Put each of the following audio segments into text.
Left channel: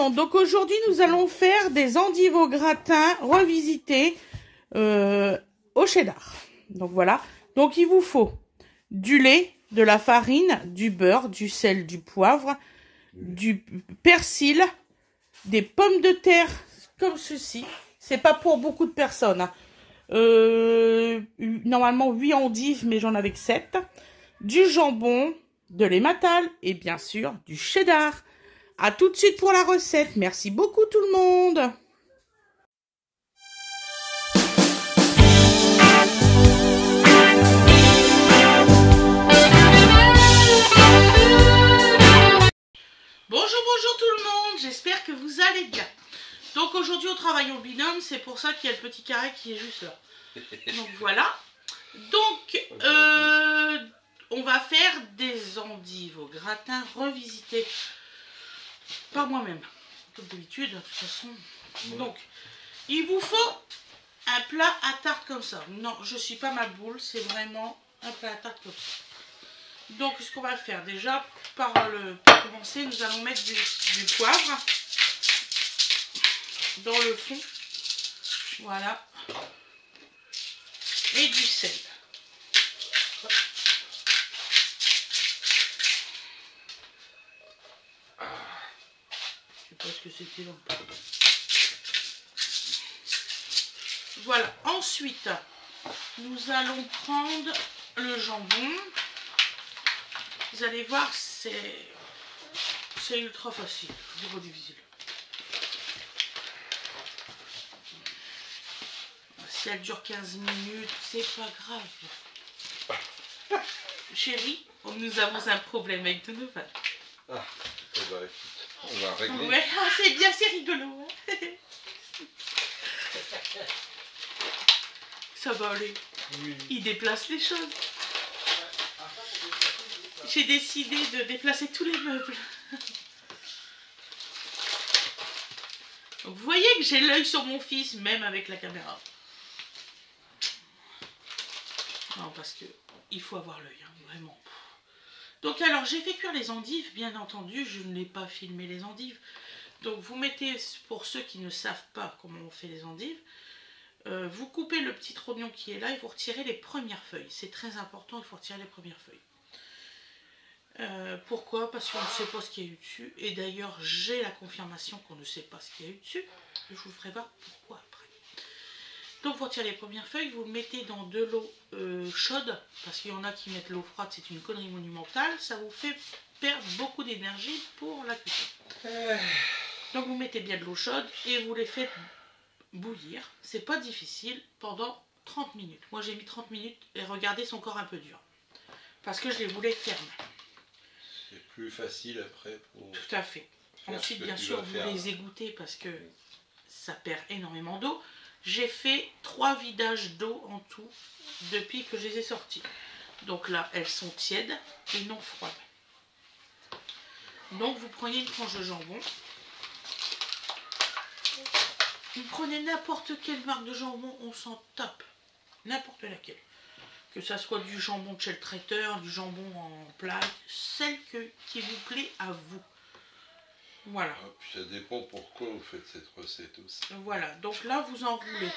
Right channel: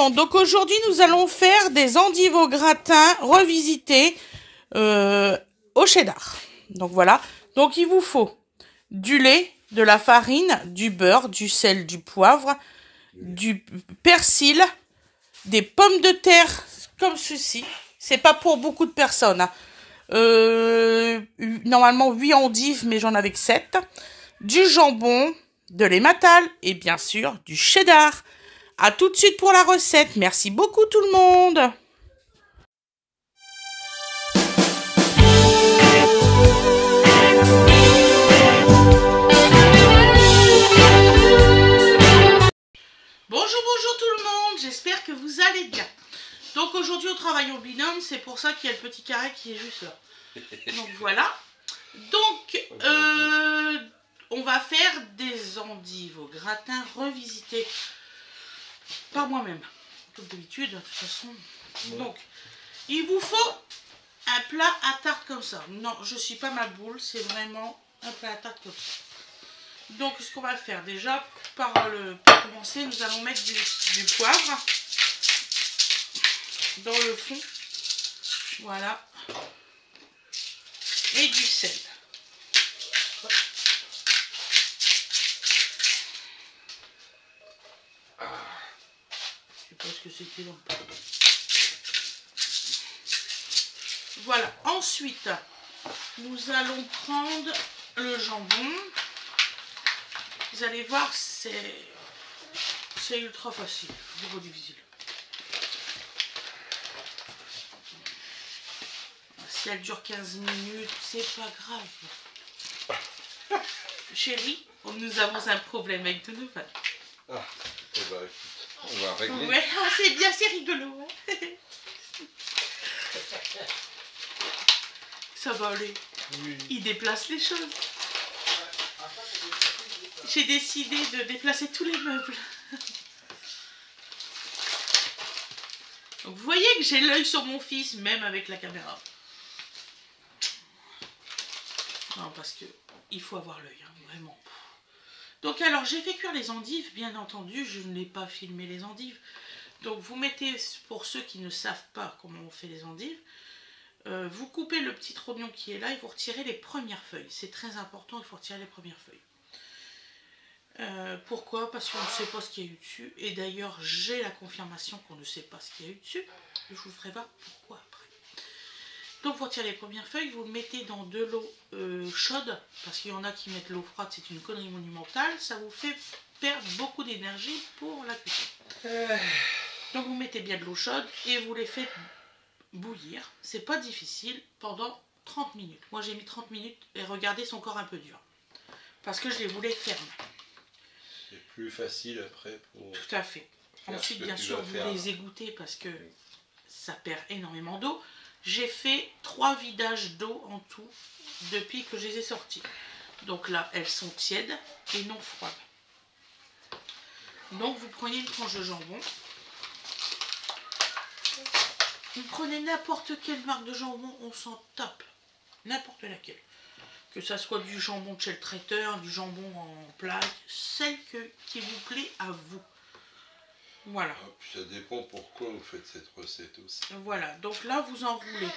monde, donc aujourd'hui nous allons faire des endives au gratin revisitées au cheddar. Donc voilà, donc il vous faut du lait, de la farine, du beurre, du sel, du poivre, du persil, des pommes de terre comme ceci. C'est pas pour beaucoup de personnes, hein. Normalement 8 endives, mais j'en avais que 7. Du jambon, de l'emmental et bien sûr du cheddar. À tout de suite pour la recette. Merci beaucoup tout le monde. Bonjour tout le monde. J'espère que vous allez bien. Donc aujourd'hui on travaille au binôme. C'est pour ça qu'il y a le petit carré qui est juste là. Donc voilà. Donc on va faire des endives au gratin revisitées par moi-même, comme d'habitude, de toute façon. Donc, il vous faut un plat à tarte comme ça. Non, je suis pas ma boule, c'est vraiment un plat à tarte comme ça. Donc, ce qu'on va faire déjà, pour commencer, nous allons mettre du poivre dans le fond. Voilà. Et du sel. Je sais pas ce que c'était là. Voilà. Ensuite, nous allons prendre le jambon. Vous allez voir, c'est ultra facile. Je vous redivise. Si elle dure 15 minutes, c'est pas grave. Chérie, nous avons un problème avec Donovan. Ah, eh ben, écoute, on va régler. Ouais, c'est bien, c'est rigolo. Hein. Ça va aller. Oui. Il déplace les choses. J'ai décidé de déplacer tous les meubles. Donc, vous voyez que j'ai l'œil sur mon fils, même avec la caméra. Non, parce que il faut avoir l'œil, hein, vraiment. Donc alors, j'ai fait cuire les endives, bien entendu, je ne l'ai pas filmé les endives. Donc vous mettez, pour ceux qui ne savent pas comment on fait les endives, vous coupez le petit oignon qui est là et vous retirez les premières feuilles. C'est très important, il faut retirer les premières feuilles. Pourquoi? Parce qu'on ne sait pas ce qu'il y a eu dessus. Et d'ailleurs, j'ai la confirmation qu'on ne sait pas ce qu'il y a eu dessus. Je vous ferai voir pourquoi après. Donc vous retirez les premières feuilles, vous le mettez dans de l'eau chaude, parce qu'il y en a qui mettent l'eau froide, c'est une connerie monumentale, ça vous fait perdre beaucoup d'énergie pour la cuisson. Donc vous mettez bien de l'eau chaude et vous les faites bouillir, c'est pas difficile, pendant 30 minutes. Moi j'ai mis 30 minutes et regardez, son corps un peu dur, parce que je les voulais fermes. C'est plus facile après pour... Tout à fait. Ensuite bien sûr vous les égouttez parce que ça perd énormément d'eau. J'ai fait 3 vidages d'eau en tout depuis que je les ai sortis. Donc là, elles sont tièdes et non froides. Donc vous prenez une tranche de jambon. Vous prenez n'importe quelle marque de jambon, on s'en tape. N'importe laquelle. Que ça soit du jambon de chez le traiteur, du jambon en plaque, celle qui vous plaît à vous. Voilà. Ah, ça dépend pourquoi vous faites cette recette aussi. Voilà, donc là vous enroulez.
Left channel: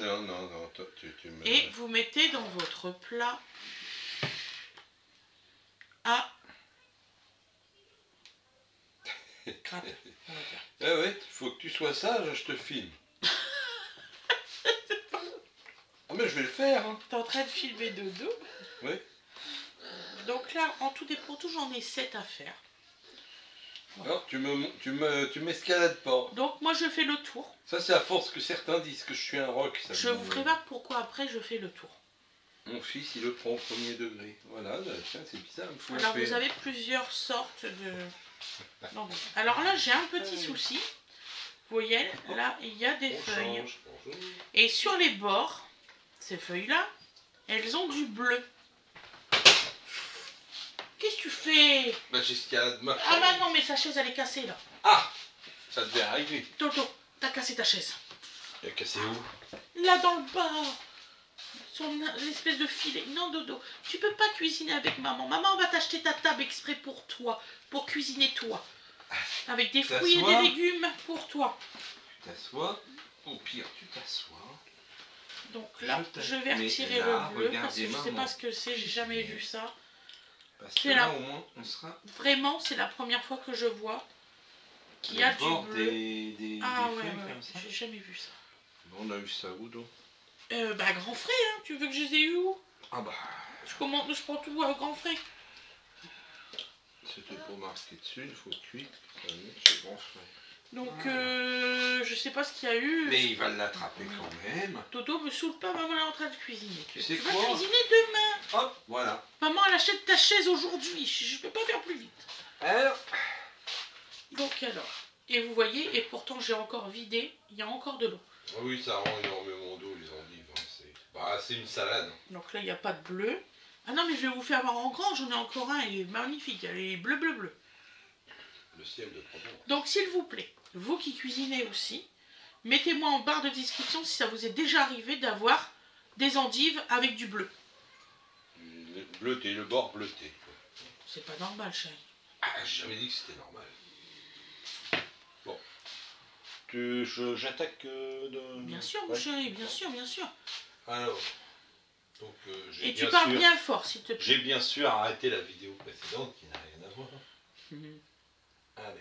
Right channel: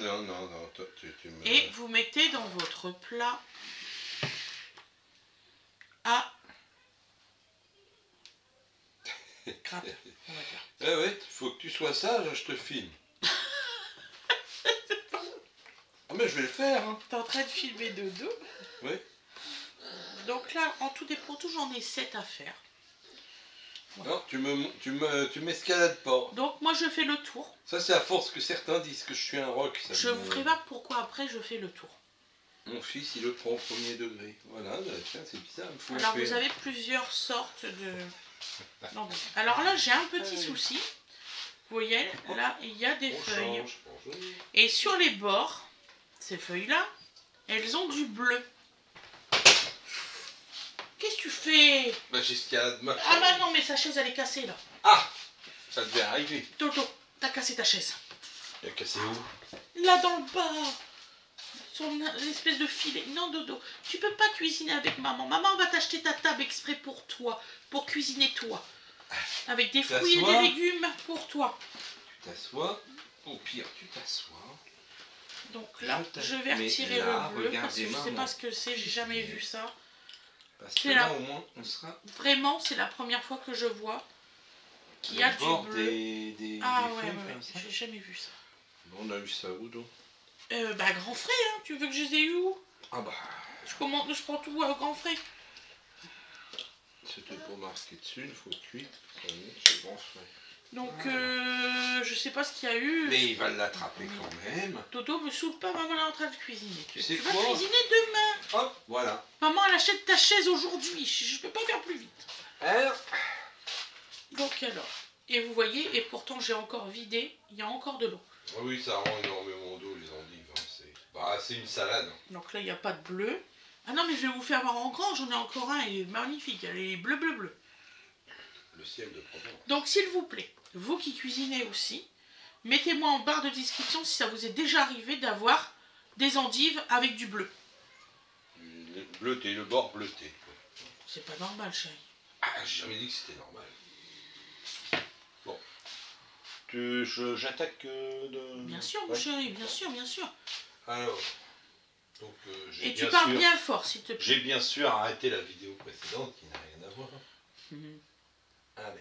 Non, tu me... Et vous mettez dans votre plat à gratin, on va dire. Ah ouais, faut que tu sois sage, je te filme. Ah mais je vais le faire. Hein. T'es en train de filmer Dodo. Oui. Donc là, en tout et pour tout, j'en ai 7 à faire. Voilà. Non, tu m'escalades pas. Donc moi je fais le tour. Ça c'est à force que certains disent que je suis un rock. Je vous ferai voir pourquoi après je fais le tour. Mon fils il le prend au premier degré. Voilà, bah, tiens c'est bizarre. Alors vous avez plusieurs sortes de... Non, alors là j'ai un petit souci. Vous voyez, là il y a des feuilles. Et sur les bords, ces feuilles là, elles ont du bleu. Qu'est-ce que tu fais? Bah j'escalade ma chaise. Ah bah non, mais sa chaise elle est cassée là. Ah, ça devait arriver. Toto, t'as cassé ta chaise. Il a cassé où? Là dans le bas. Son espèce de filet. Non Dodo, tu peux pas cuisiner avec maman. Maman va t'acheter ta table exprès pour toi. Pour cuisiner toi. avec des fruits et des légumes pour toi. Tu t'assois, au pire tu t'assois. Donc là, je vais retirer le bleu parce que je ne sais pas ce que c'est, j'ai jamais vu ça. Parce que là, au moins, on sera... Vraiment, c'est la première fois que je vois qu'il y a du bleu. Ah ouais, j'ai jamais vu ça. On a eu ça où donc? Bah Grand Frais, hein. Tu veux que je les ai eu où? Ah bah... Je prends tout à Grand Frais. C'était pour marquer dessus, une fois cuit. C'est Grand Frais. Donc, je sais pas ce qu'il y a eu. Mais il va l'attraper quand même. Dodo me saoule pas, maman est en train de cuisiner. Tu vas quoi cuisiner demain. Hop, voilà. Maman, elle achète ta chaise aujourd'hui. Je peux pas faire plus vite. Alors. Donc alors. Et vous voyez, et pourtant j'ai encore vidé. Il y a encore de l'eau. Oui, ça rend énormément d'eau, les endives. Hein. C'est une salade. Donc là, il n'y a pas de bleu. Ah non, mais je vais vous faire voir en grand. J'en ai encore un. Il est magnifique. Elle est bleu, bleu, bleu. Le ciel de Provence. Donc s'il vous plaît, vous qui cuisinez aussi, mettez-moi en barre de description si ça vous est déjà arrivé d'avoir des endives avec du bleu. Bleuté, le bord bleuté. C'est pas normal, chérie. Ah, j'ai jamais dit que c'était normal. Bon. J'attaque de... Bien sûr, mon chéri, bien sûr, bien sûr. Alors, donc, et tu parles bien fort, s'il te plaît. J'ai bien sûr arrêté la vidéo précédente qui n'a rien à voir. Allez.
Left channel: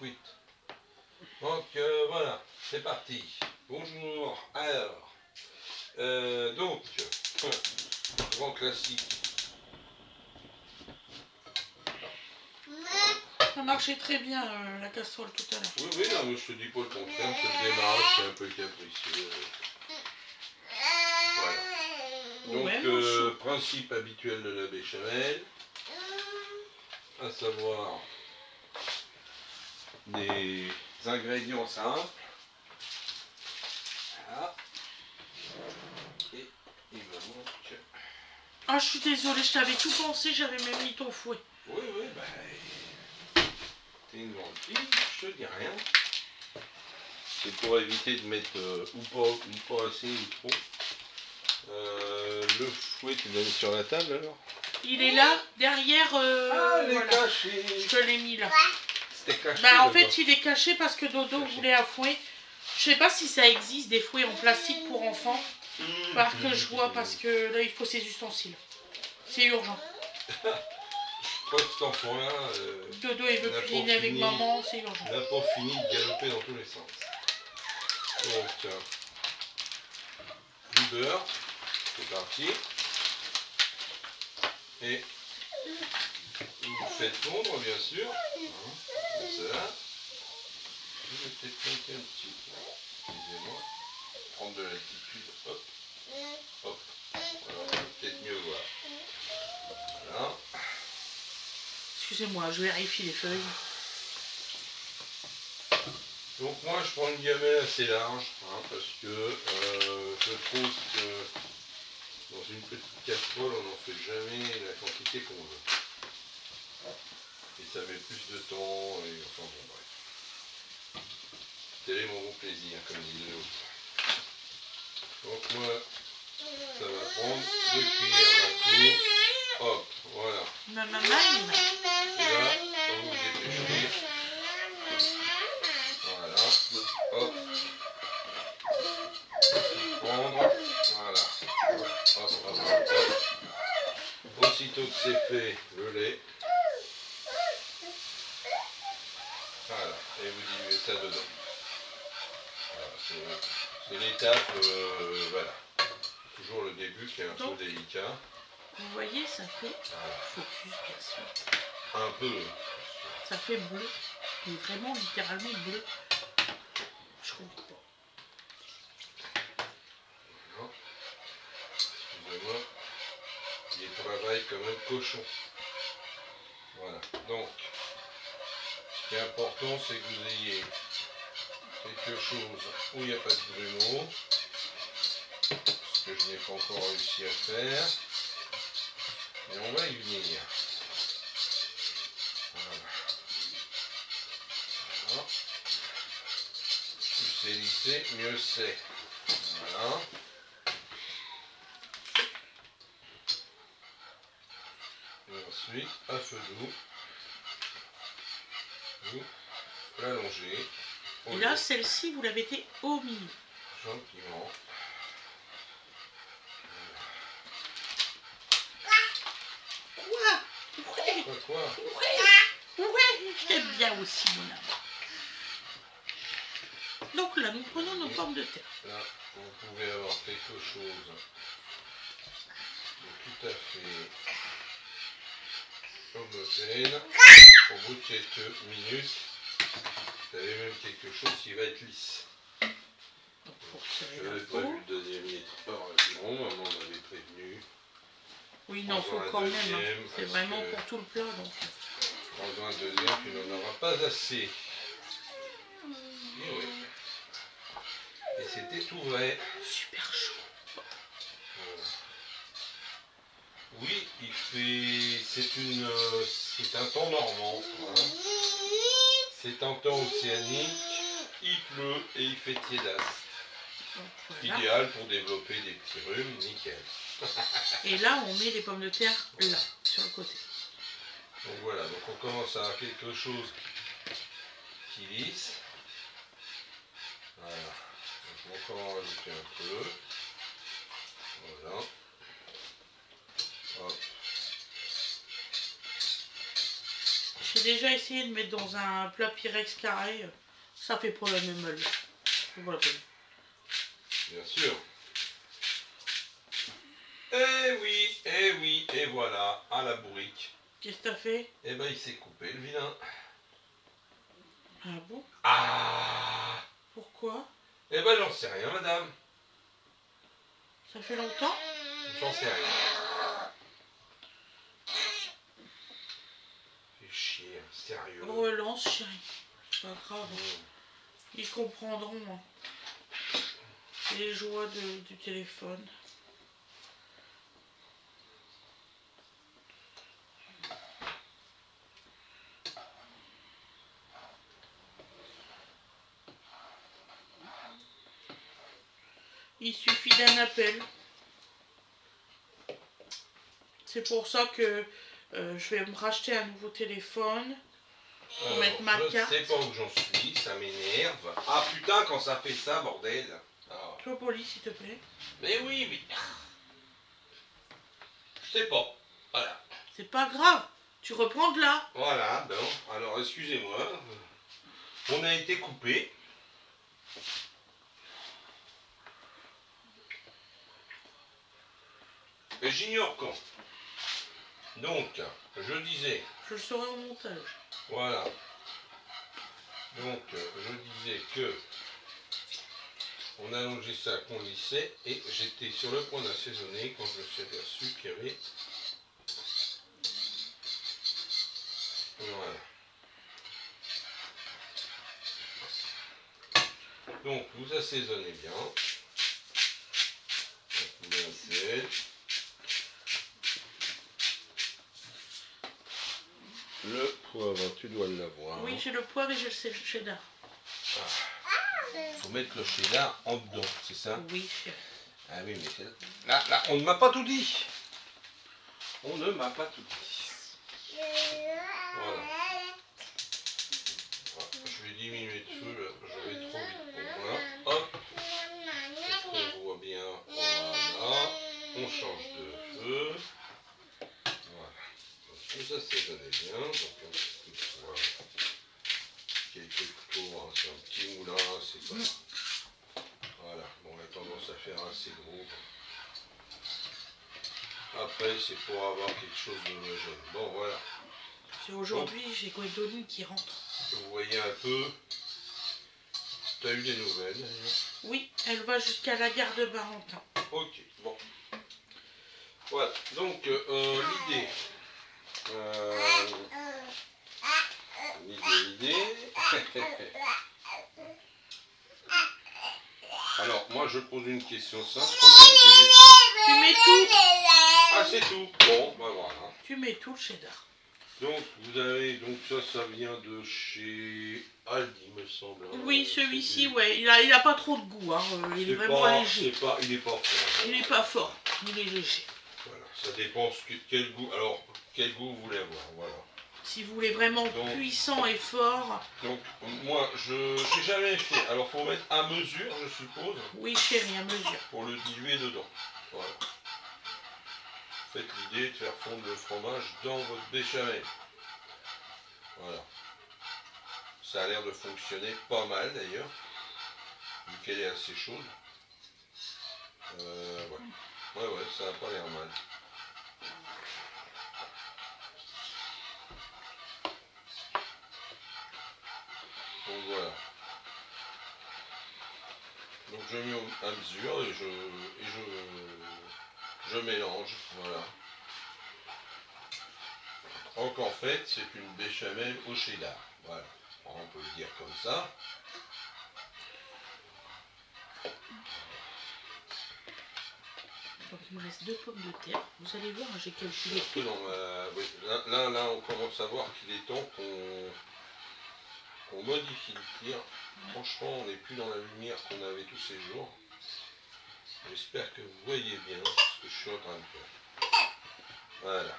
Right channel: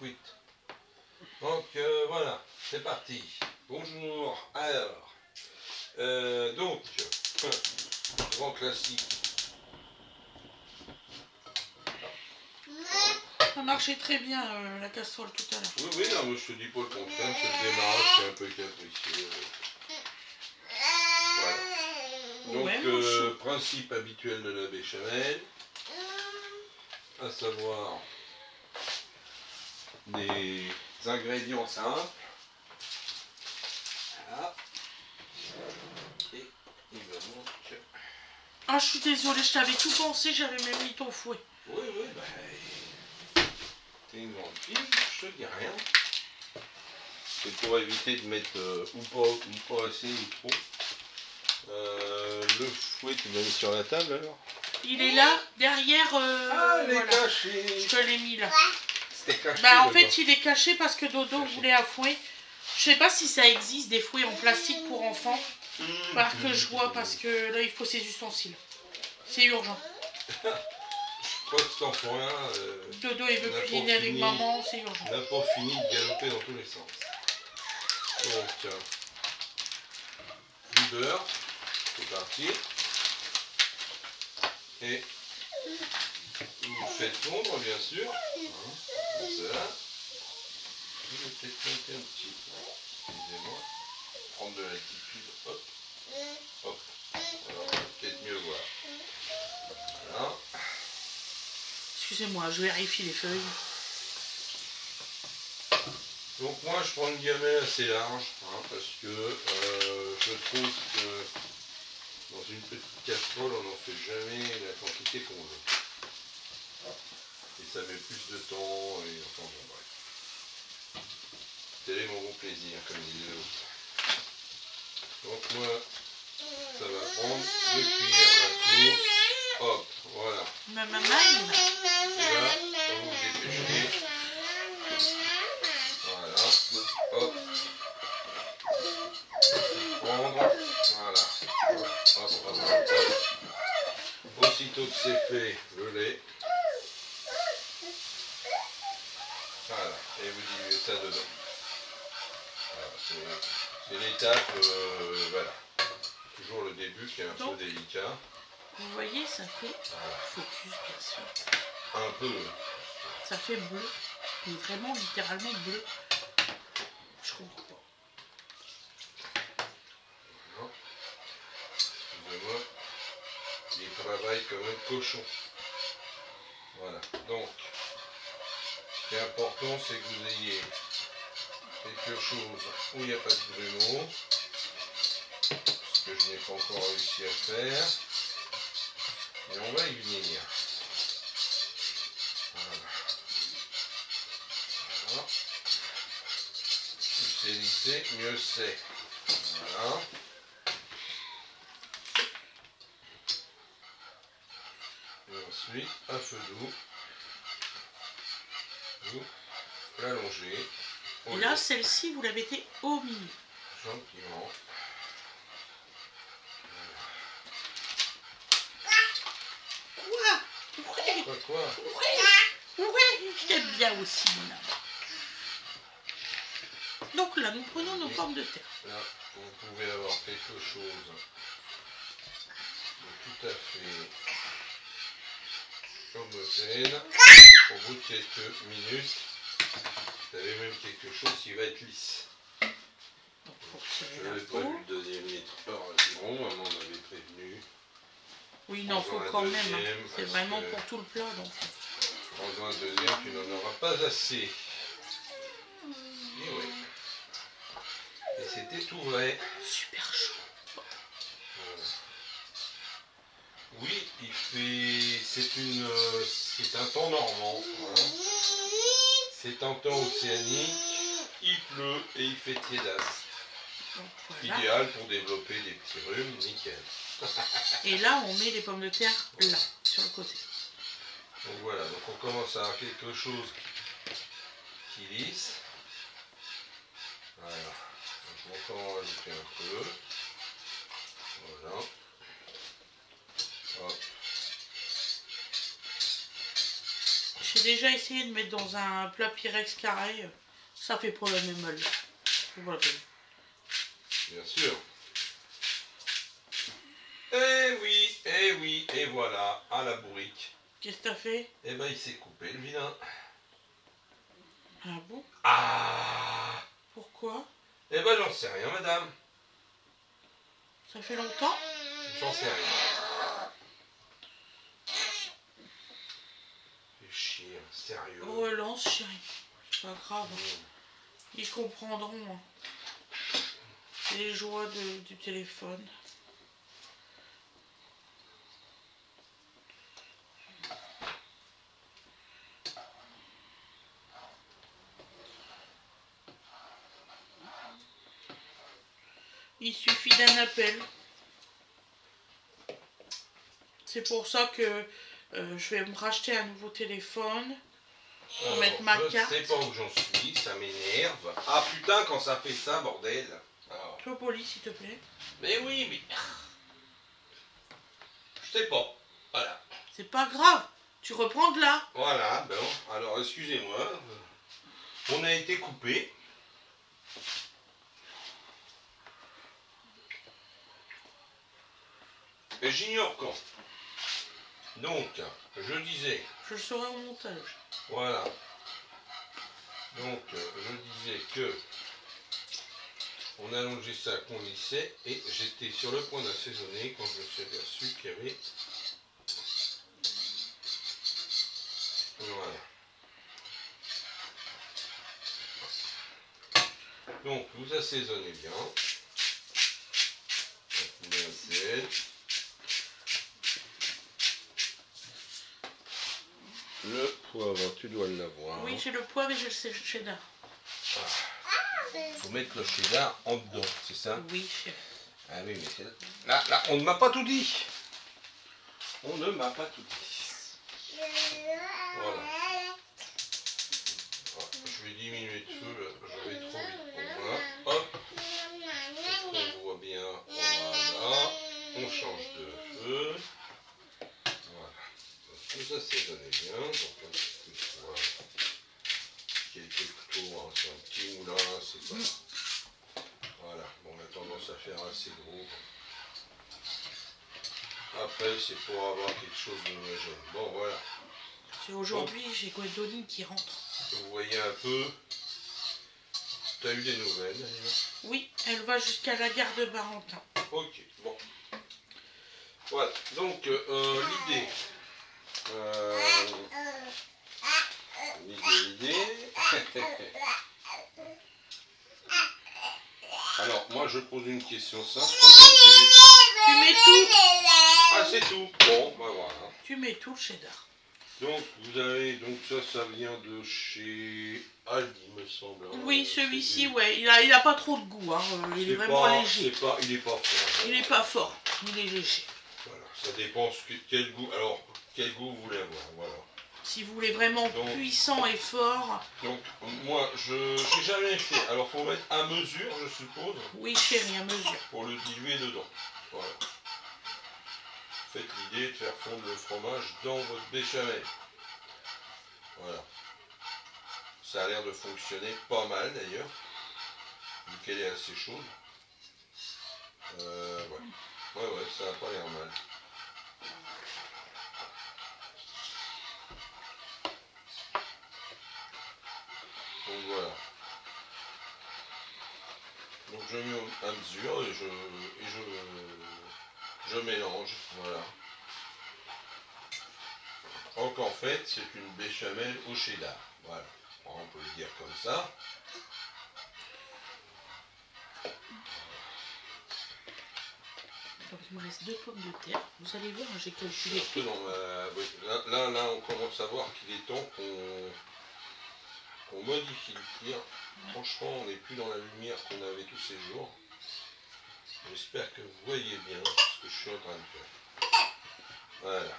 Oui. Donc, voilà, c'est parti. Bonjour. Alors, donc, grand classique. Ça marchait très bien, la casserole, tout à l'heure. Oui, oui, non, mais je te dis pas le contraire, c'est le démarrage qui est un peu capricieux. Voilà. Donc, ouais, principe habituel de la béchamel, à savoir des ingrédients simples. Voilà. Et il va donc... Ah, je suis désolée, je t'avais tout pensé, j'avais même mis ton fouet. Oui, oui, bah... T'es une grande fille, je te dis rien. C'est pour éviter de mettre ou pas assez ou trop. Le fouet, tu l'as mis sur la table alors? Il est là, derrière. Il est caché. Je te l'ai mis là. C'est caché. Bah en fait, il est caché parce que Dodo voulait un fouet. Je sais pas si ça existe des fouets en plastique pour enfants. Par que je vois parce que là il faut ses ustensiles. C'est urgent. Je crois que cet enfant-là. Dodo il veut cuisiner avec maman, c'est urgent. Il n'a pas fini de galoper dans tous les sens. Donc, du beurre, c'est parti. Et vous faites fondre, bien sûr. Comme ça. Je vais peut-être monter un petit peu. Excusez-moi. Prendre de l'altitude. Hop. Hop. Voilà, on va peut-être mieux voir. Voilà. Excusez-moi, je vérifie les feuilles. Donc moi je prends une gamelle assez large, hein, parce que je trouve que dans une petite casserole on n'en fait jamais la quantité qu'on veut. Et ça met plus de temps, et enfin bon bref. Tel est mon bon plaisir, comme disait l'autre. Donc moi, ça va prendre 2 cuillères d'un coup. Hop, voilà. Maman, et là, quand vous vous dépêchez, voilà, hop, prendre, voilà, hop, hop, hop, hop. Aussitôt que c'est fait, le lait, voilà, et vous diluez ça dedans. Voilà, c'est l'étape, voilà, toujours le début qui est un peu délicat. Vous voyez, ça fait focus, bien sûr. Un peu. Ça fait bleu, mais vraiment littéralement bleu. Je comprends pas. Excusez-moi, il travaille comme un cochon. Voilà, donc, ce qui est important, c'est que vous ayez quelque chose où il n'y a pas de grumeaux, ce que je n'ai pas encore réussi à faire. Et on va y venir. Voilà. Voilà. Plus c'est lissé, mieux c'est. Voilà. Et ensuite, à feu doux, vous l'allongez. Et là, celle-ci, vous la mettez au milieu. Gentiment. Quoi Ouais, je t'aime bien aussi, mon âme. Donc là, nous prenons nos pommes de terre. Là, vous pouvez avoir quelque chose de tout à fait homogène. Au bout de quelques minutes, vous avez même quelque chose qui va être lisse. Donc, pour tirer Je la n'avais pas peau. vu le deuxième litre par bon, maman m'avait prévenu. Oui, non, faut Prends-en un quand même. deuxième, Hein. C'est parce vraiment que- pour tout le plat. Donc. Prends-en un deuxième, tu n'en auras pas assez. Et oui. Et c'était tout vrai. Super chaud. Voilà. Oui, c'est un temps normand. Hein. C'est un temps océanique. Il pleut et il fait tiédasse. Donc, voilà. Idéal pour développer des petits rhumes, nickel. Et là, on met les pommes de terre là, sur le côté. Donc voilà, donc on commence à avoir quelque chose qui lisse. Voilà. Donc on va encore en rajouter un peu. Voilà. Hop. J'ai déjà essayé de mettre dans un plat Pyrex carré. Ça fait pas la même mal. Voilà. Bien sûr. Eh oui, et voilà, à la bourrique. Qu'est-ce que t'as fait? Eh ben il s'est coupé le vilain. Ah bon? Ah! Pourquoi? Eh ben j'en sais rien, madame. Ça fait longtemps? J'en sais rien. Fais chier, sérieux. Relance, chérie. C'est pas grave. Mmh. Ils comprendront. Hein. Les joies du téléphone. Il suffit d'un appel. C'est pour ça que je vais me racheter un nouveau téléphone. Pour mettre ma carte. Je sais pas où j'en suis, ça m'énerve. Ah putain, quand ça fait ça, bordel. Ah. Sois poli, s'il te plaît. Mais oui, mais... Je sais pas. Voilà. C'est pas grave. Tu reprends de là. Voilà, bon. Alors, excusez-moi. On a été coupé. Et j'ignore quand. Donc, je disais... Je le saurai au montage. Voilà. Donc, je disais que on allongeait ça, qu'on lissait, et j'étais sur le point d'assaisonner quand je me suis aperçu qu'il y avait... Voilà. Donc, vous assaisonnez bien. Vous mettez un sel. Le poivre, tu dois l'avoir. Oui, j'ai le poivre et j'ai le cheddar. Il faut mettre le cheddar en dedans, c'est ça? Oui, chérie. Ah oui, mais c'est... Là, on ne m'a pas tout dit. On ne m'a pas tout dit. Voilà. Je vais diminuer de feu, là. Je vais trop vite pour moi. Hop. Est-ce qu'on voit bien? Voilà. On change de feu. Voilà. Donc, tout ça, c'est donné bien. Donc, un petit peu de poivre. Quelques couteaux, hein. C'est un petit moulin, c'est pas... Voilà. Bon, on a tendance à faire assez gros. Après, c'est pour avoir quelque chose d'homogène. Bon, voilà. Aujourd'hui, j'ai Gwendoline qui rentre. Vous voyez un peu. Tu as eu des nouvelles d'ailleurs? Oui, elle va jusqu'à la gare de Barentin. Ok, bon. Voilà, donc l'idée. L'idée. Alors, moi je pose une question simple. Tu mets tout. Ah, c'est tout. Bon, bah voilà. Tu mets tout le cheddar. Donc, vous avez. Donc, ça vient de chez Aldi, me semble. Hein. Oui, celui-ci, ouais. Il a pas trop de goût. Hein. Il est vraiment léger. Il est pas fort. Il est pas fort. Il est léger. Voilà, ça dépend quel goût. Alors, quel goût vous voulez avoir. Voilà. Si vous voulez vraiment puissant et fort. Donc moi je n'ai jamais fait. Alors faut mettre à mesure, je suppose. Oui chérie, à mesure. Pour le diluer dedans. Voilà. Faites l'idée de faire fondre le fromage dans votre béchamel. Voilà. Ça a l'air de fonctionner pas mal d'ailleurs. Vu qu'elle est assez chaude. Ouais, ça n'a pas l'air mal. Donc voilà. Donc je mets à mesure et je mélange. Voilà. Donc en fait c'est une béchamel au cheddar. Voilà. On peut le dire comme ça. Donc il me reste 2 pommes de terre. Vous allez voir, j'ai calculé. Non, oui. Là, on commence à voir qu'il est temps qu'on modifie le tir. Franchement, on n'est plus dans la lumière qu'on avait tous ces jours. J'espère que vous voyez bien ce que je suis en train de faire. Voilà.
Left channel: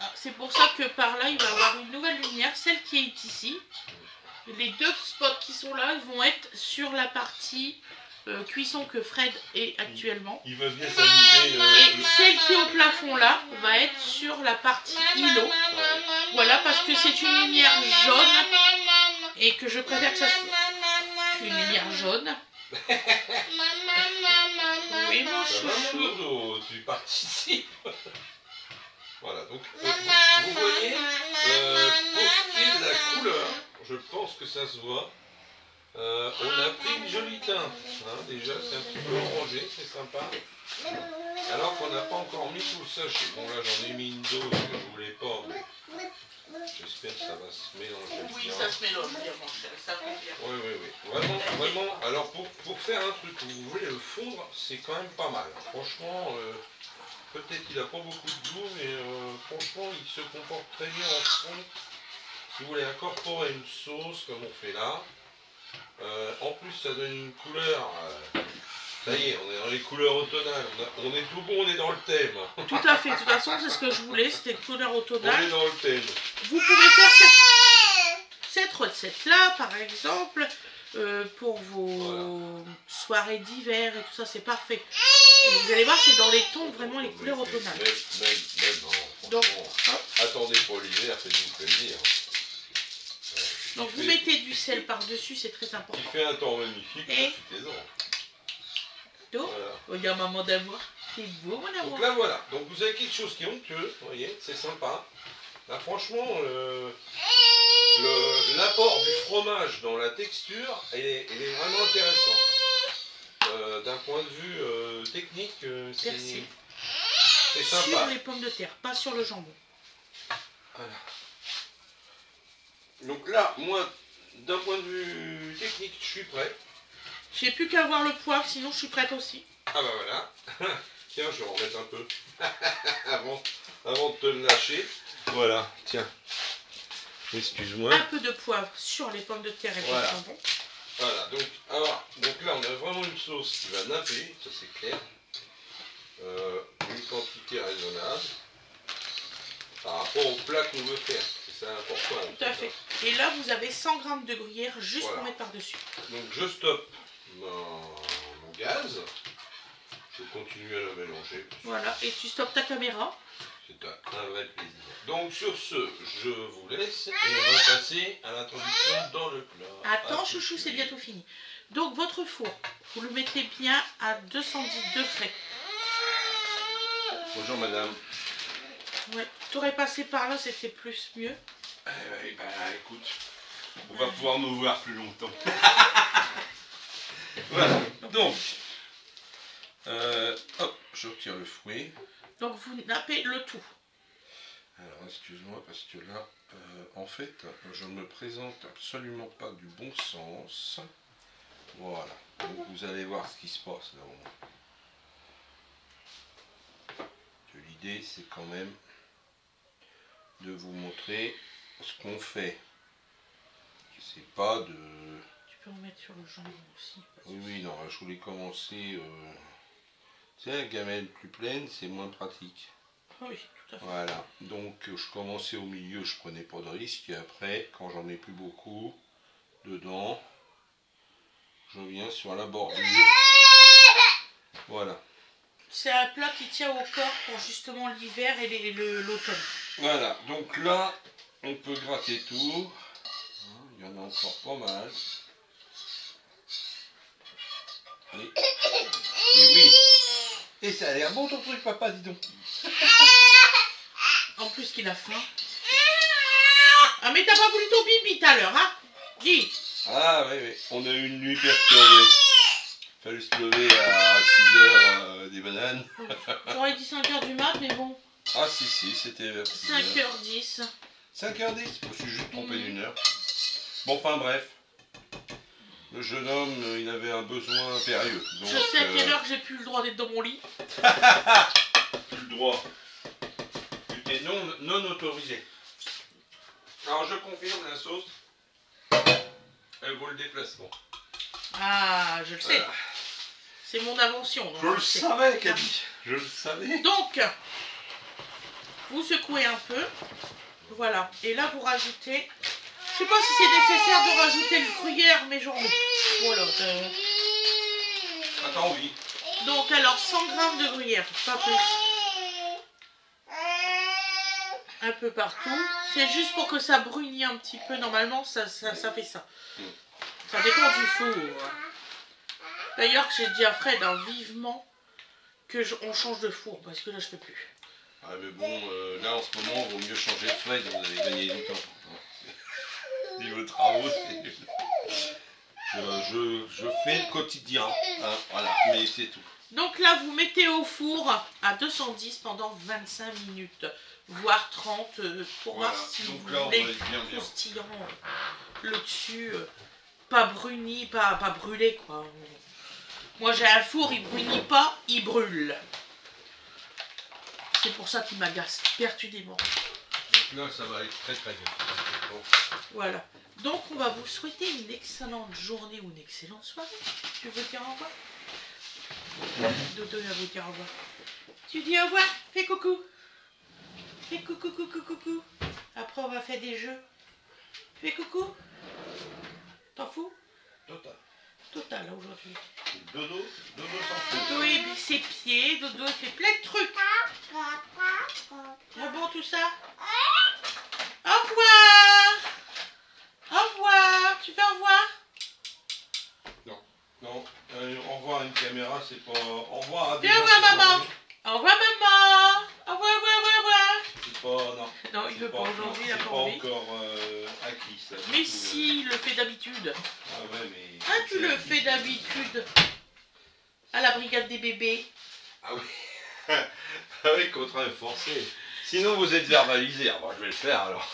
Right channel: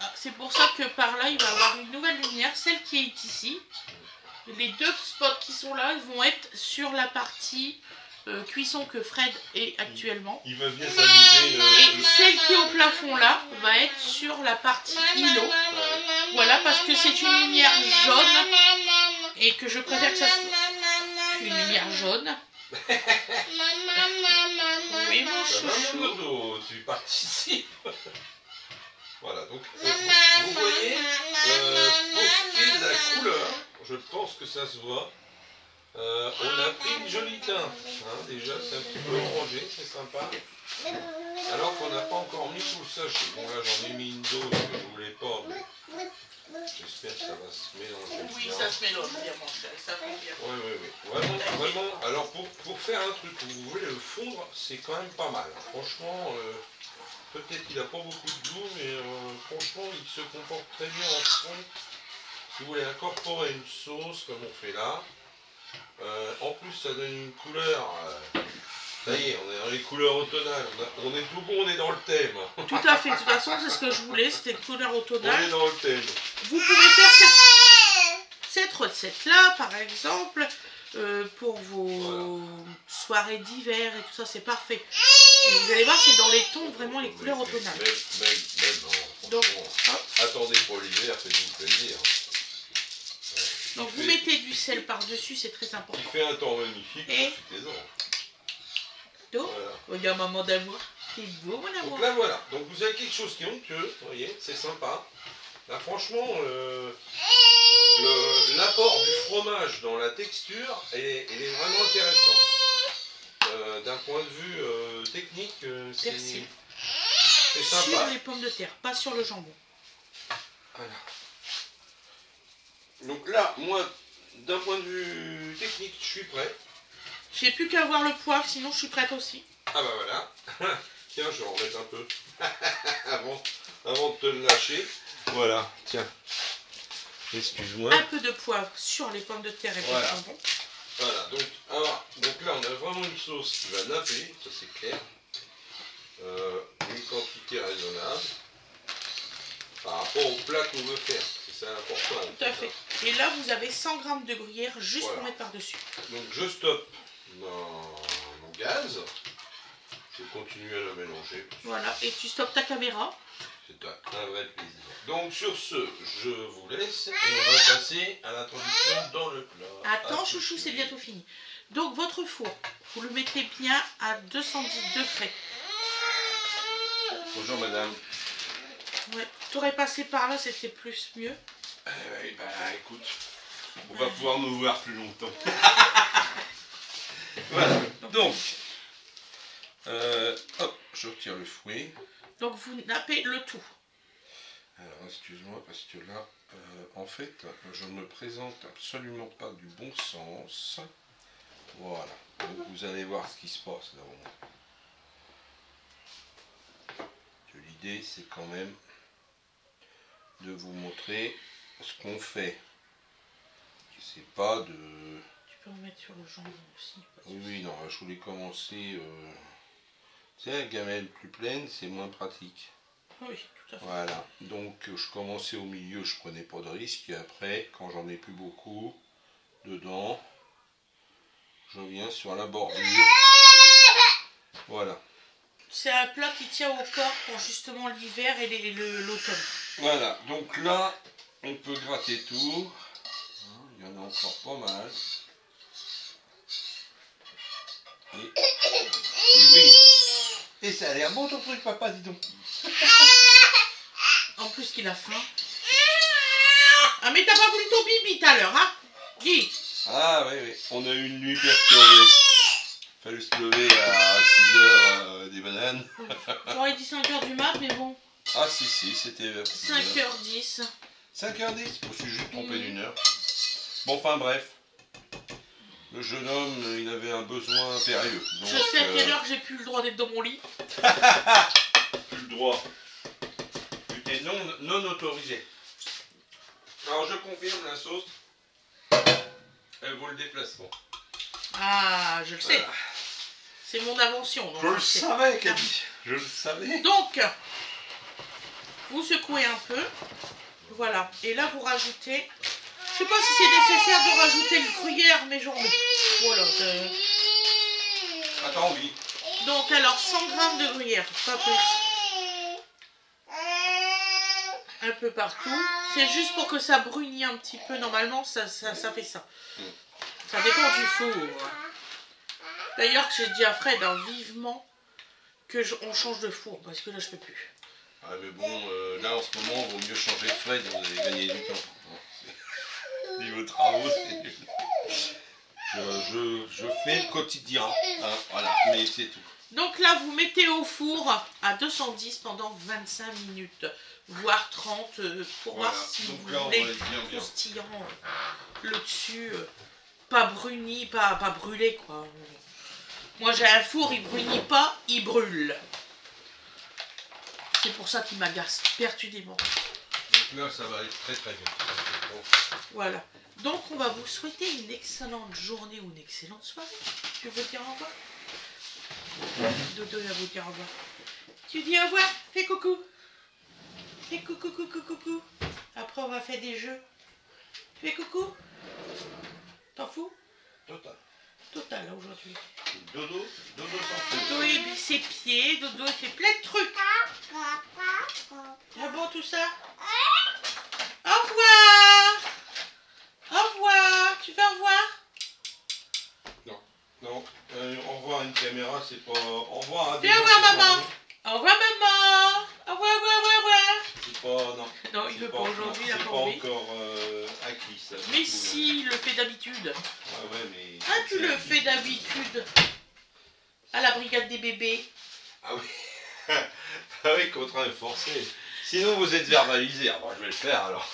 Ah, c'est pour ça que par là, il va y avoir une nouvelle lumière, celle qui est ici. Les 2 spots qui sont là, ils vont être sur la partie cuisson que Fred est actuellement. Il va bien s'amuser. Et celle qui est au plafond là va être sur la partie îlot. Voilà, parce que c'est une lumière jaune et que je préfère que ça soit une lumière jaune. Oui, mon chouchou. Tu participes. Voilà, donc vous voyez, pour ce qui est de la couleur, je pense que ça se voit. On a pris une jolie teinte, hein, déjà c'est un petit peu orangé, c'est sympa. Alors qu'on n'a pas encore mis tout le sachet. Bon là j'en ai mis une dose que je voulais pas, mais j'espère que ça va se mélanger bien. Oui, ça se mélange bien, ça va bien. Oui. Vraiment, alors pour faire un truc où vous voulez le fondre, c'est quand même pas mal. Franchement, peut-être qu'il n'a pas beaucoup de goût, mais franchement il se comporte très bien en fond. Si vous voulez incorporer une sauce comme on fait là, en plus ça donne une couleur, ça y est, on est dans les couleurs automnales, on est tout bon, on est dans le thème. Tout à fait, de toute façon c'est ce que je voulais, c'était une couleur automnale. On est dans le thème. Vous pouvez faire cette recette là par exemple, pour vos soirées d'hiver et tout ça, c'est parfait. Et vous allez voir, c'est dans les tons, vraiment les couleurs automnales. Non, donc, attendez pour l'hiver, faites-vous plaisir. Donc vous mettez du sel par-dessus, c'est très important. Il fait un temps magnifique, profitez-en. Donc, il y a maman d'amour. C'est beau mon amour. Donc là voilà, donc vous avez quelque chose qui est onctueux, vous voyez, c'est sympa. Là franchement, l'apport du fromage dans la texture, il est vraiment intéressant. D'un point de vue technique, c'est sympa. Sur les pommes de terre, pas sur le jambon. Voilà. Donc là, moi, d'un point de vue technique, je suis prêt. J'ai plus qu'à avoir le poivre, sinon je suis prête aussi. Ah bah voilà. Tiens, je vais en remettre un peu avant de te le lâcher. Voilà, tiens. Excuse-moi. Un peu de poivre sur les pommes de terre et le jambon. Voilà, donc là on a vraiment une sauce qui va napper, ça c'est clair. Une quantité raisonnable par rapport au plat qu'on veut faire. C'est important. Tout à fait. Et là vous avez 100 g de gruyère juste pour mettre par-dessus. Donc je stoppe mon gaz. Je continue à le mélanger. Voilà, et tu stoppes ta caméra. C'est un vrai plaisir. Donc sur ce, je vous laisse et on va passer à l'introduction dans le plat. Attends chouchou, c'est bientôt fini. Donc votre four, vous le mettez bien à 210 degrés. Bonjour madame. Ouais, t'aurais passé par là, c'était plus mieux. Bah écoute, on va pouvoir nous voir plus longtemps. Voilà, donc, hop, je retire le fouet. Donc vous nappez le tout. Alors excuse-moi parce que là, en fait, je ne me présente absolument pas du bon sens. Voilà, donc vous allez voir ce qui se passe là au moins. L'idée c'est quand même de vous montrer ce qu'on fait. C'est pas de... Tu peux en mettre sur le jambon aussi. Oui, non, je voulais commencer... Tu sais, la gamelle plus pleine, c'est moins pratique. Oui, tout à fait. Voilà, donc je commençais au milieu, je prenais pas de risque, et après, quand j'en mets plus beaucoup dedans, je viens sur la bordure. Voilà. C'est un plat qui tient au corps pour justement l'hiver et l'automne. Voilà, donc là, on peut gratter tout. Il y en a encore pas mal. Et oui. Et ça a l'air bon ton truc, papa, dis donc. En plus qu'il a faim. Ah mais t'as pas voulu ton bibi tout à l'heure, hein? Dis. Ah oui, oui. On a eu une nuit perturbée. Fallu se lever à 6h des bananes. J'aurais dit 5h du mat, mais bon. Ah si, c'était vers 6h. 5h10. 5h10, je me suis juste trompé d'une heure. Bon, enfin bref. Le jeune homme, il avait un besoin impérieux. Donc, je sais à quelle heure j'ai plus le droit d'être dans mon lit. Plus le droit. Tu es non autorisé. Alors je confirme, la sauce, elle vaut le déplacement. Ah, je le sais. Voilà. C'est mon invention. Donc Je le savais, Cathy. Je le savais. Donc, vous secouez un peu. Voilà. Et là, vous rajoutez... Je sais pas si c'est nécessaire de rajouter le gruyère, mais j'en mets. Voilà. Attends, oui. Donc, alors, 100 g de gruyère, pas plus. Un peu partout. C'est juste pour que ça brunisse un petit peu. Normalement, ça fait ça. Ça dépend du four. D'ailleurs, j'ai dit à Fred vivement qu'on change de four, parce que là, je peux plus. Ah, mais bon, là, en ce moment, il vaut mieux changer de Fred, vous allez gagner du temps. Niveau travaux, c'est nul. Je fais le quotidien, hein, voilà, mais c'est tout. Donc là, vous mettez au four à 210 pendant 25 minutes, voire 30, pour Voilà. voir si Donc vous là, on voulez va être bien. croustillant le dessus, pas bruni, pas brûlé, quoi. Moi, j'ai un four, il brunit pas, il brûle. C'est pour ça qu'il m'agace perpétuellement. Donc là, ça va aller très très vite. Voilà. Donc, on va vous souhaiter une excellente journée ou une excellente soirée. Tu veux dire au revoir? Dodo va vous dire au revoir. Tu dis au revoir? Fais coucou. Fais coucou, coucou, coucou. Après, on va faire des jeux. Fais coucou. T'en fous? Total. Total, là, aujourd'hui. Dodo sans Dodo et ses pieds. Dodo fait plein de trucs. Ah bon, tout ça? Au revoir. Au revoir. Tu veux au revoir? Non, au revoir à une caméra, c'est pas... Au revoir à des Viens gens voir qui sont maman. venus. Au revoir maman. Au revoir, au revoir, au revoir. C'est pas... Non. Non, il veut pas aujourd'hui, il a C'est pas pas envie. encore acquis, ça. Mais si, il le fait d'habitude. Ah ouais, mais... Ah, tu le fais d'habitude. À la brigade des bébés. Ah oui. Ah oui, contraint forcé. Sinon, vous êtes verbalisé. Ah, bon, je vais le faire, alors.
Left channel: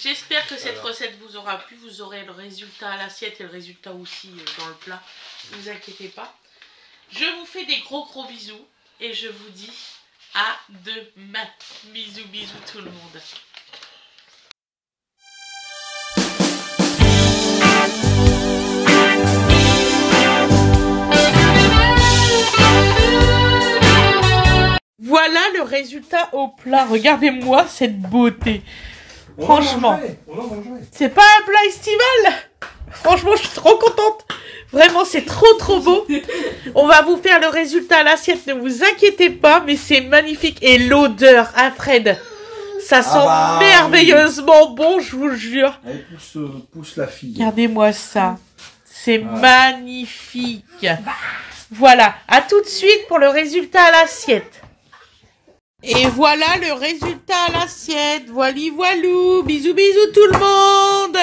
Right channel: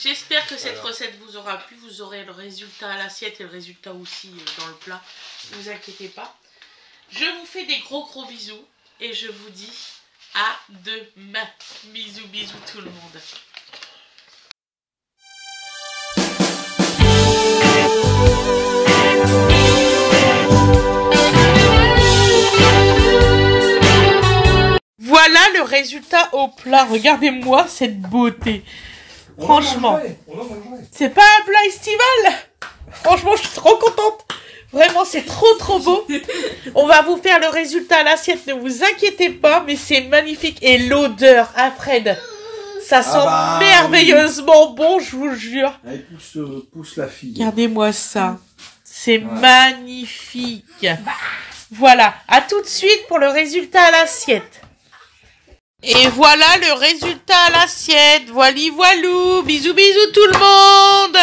J'espère que cette recette vous aura plu. Vous aurez le résultat à l'assiette et le résultat aussi dans le plat. Ne vous inquiétez pas. Je vous fais des gros bisous. Et je vous dis à demain. Bisous, bisous tout le monde. Voilà le résultat au plat. Regardez-moi cette beauté. Franchement, c'est pas un plat estival. Franchement, je suis trop contente. Vraiment, c'est trop beau. On va vous faire le résultat à l'assiette, ne vous inquiétez pas, mais c'est magnifique. Et l'odeur, hein Fred, ça sent merveilleusement bon, je vous jure. Elle pousse la fille. Regardez-moi ça. C'est magnifique. Voilà, à tout de suite pour le résultat à l'assiette. Et voilà le résultat à l'assiette. Voili voilou. Bisous tout le monde.